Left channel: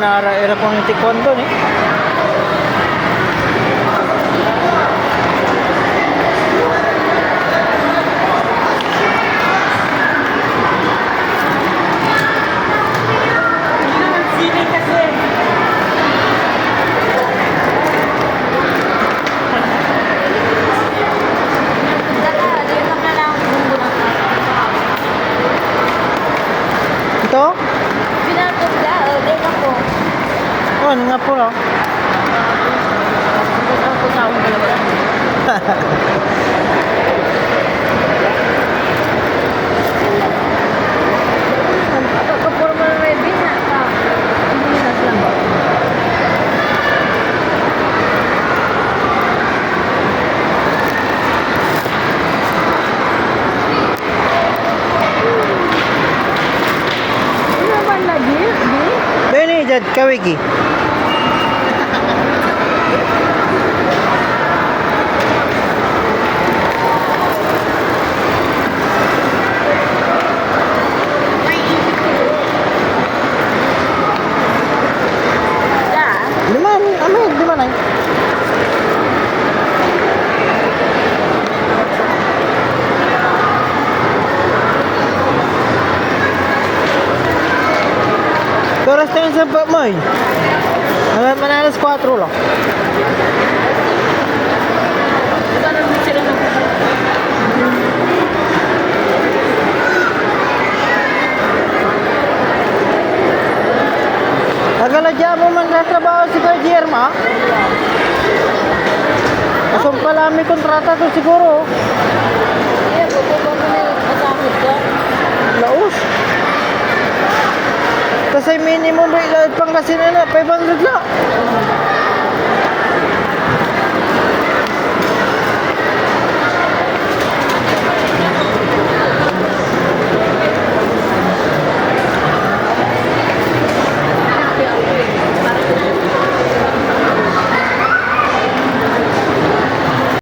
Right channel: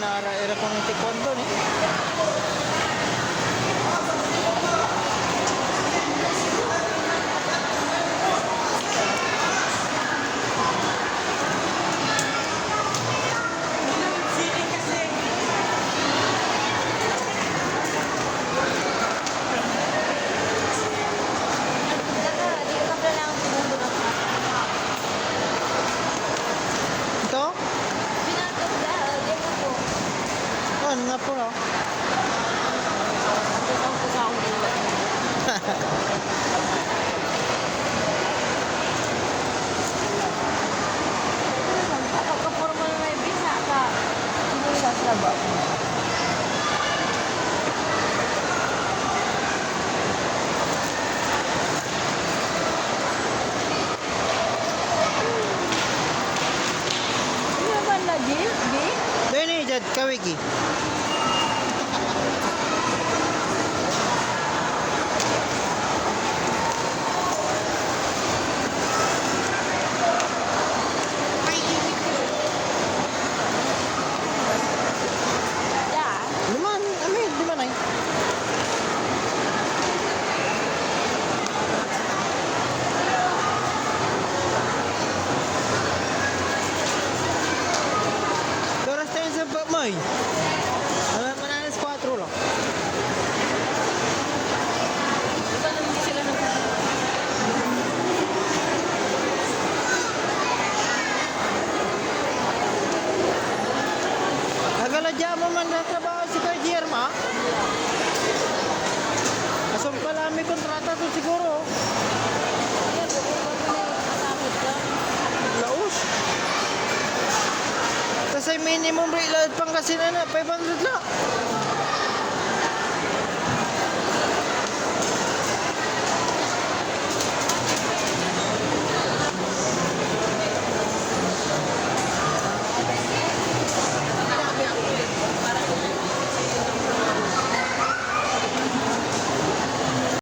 manara-era pang taekwondo ni. Ito? Pinatugla, din ako. Oh, ano nga po no? Ako sa akong dalawa. Kapuro mo na may bisa ka. Binas lang ba? Ano naman lagi? Di? Beni jad kawigi. Da? Liman, amin, di man ay. Oras tayo sa Pamay. Manalas 4 lang. Saan ang sila ng Nagaladya mo man sa trabaho si Kuya Jerma? Asong pala may kontrata to siguro. Kaya kung mo na masakit ka? Laos. Kasi minimum rate pang kasi na 500 lang.